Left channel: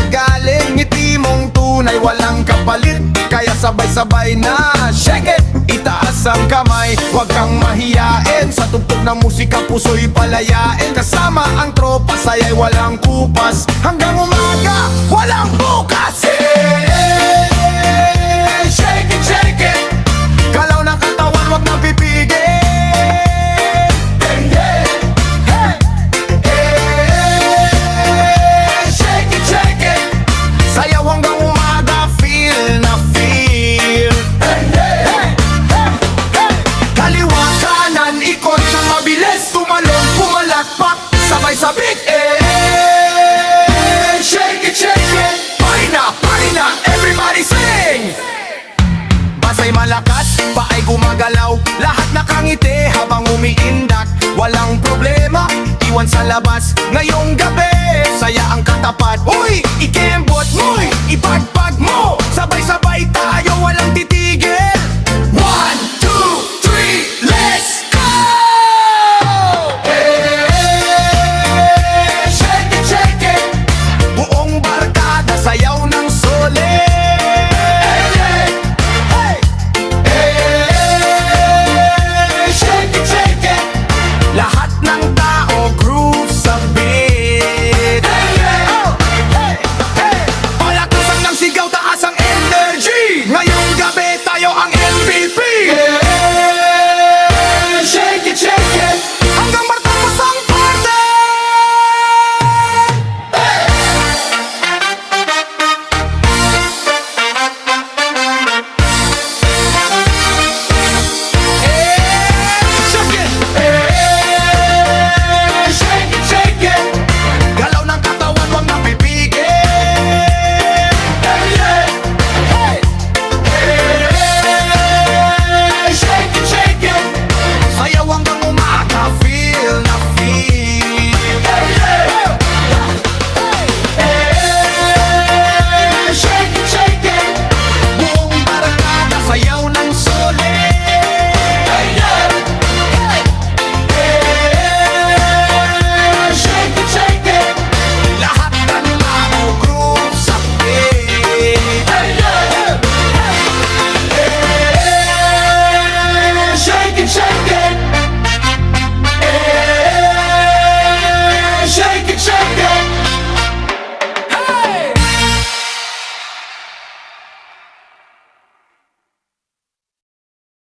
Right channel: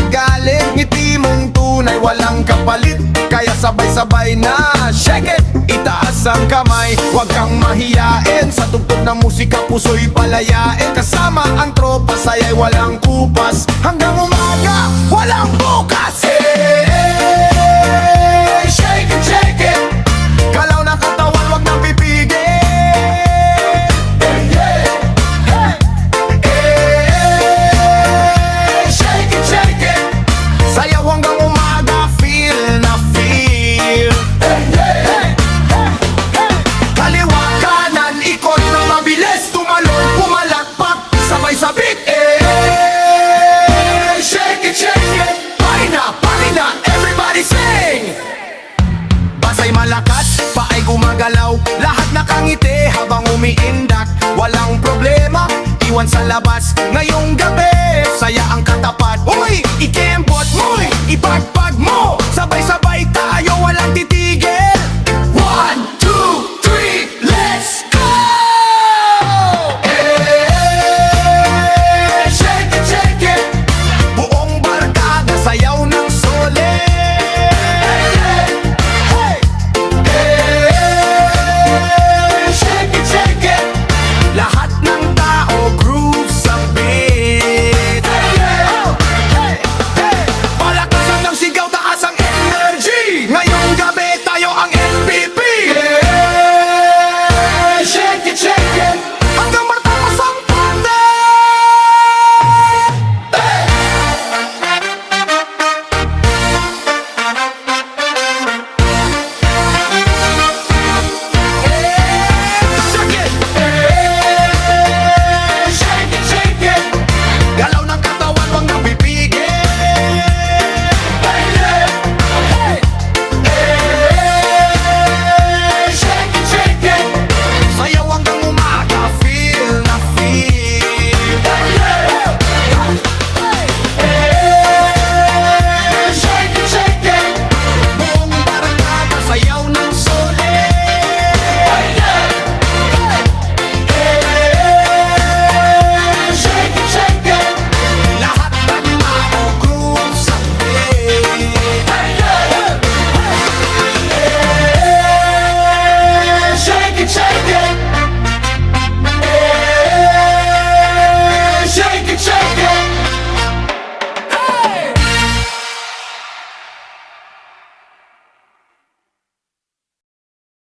sa galing, ngiti mong tunay walang kapalit. Kaya sabay-sabay na shake it, itaas ang kamay, huwag kang mahiyain. Sa tugtog ng musika puso'y palayain. Kasama ang tropa, saya'y walang kupas. Hanggang umaga, walang bukas. Shake it, shake it. Galaw ng katawan, huwag nang pipigil. Shake it, shake it. Sayaw hanggang umaga, feel na feel. Kaliwa, kanan, ikot na mabilis. Tumalon, pumalakpak, sabay sabik. Shake it, shake it. Paina, everybody sing. Basay malakas, paay gumagalaw. Lahat nakangiti habang umiindak. Walang problema, iwan sa labas. Ngayong gabi, saya ang katapat. Uy, ikembot mo'y ipagpag mo. Sabay-sabay tayo, walang titigil. 1, 2, 3, let's go! Shake it, shake it. Buong barkada, sayaw na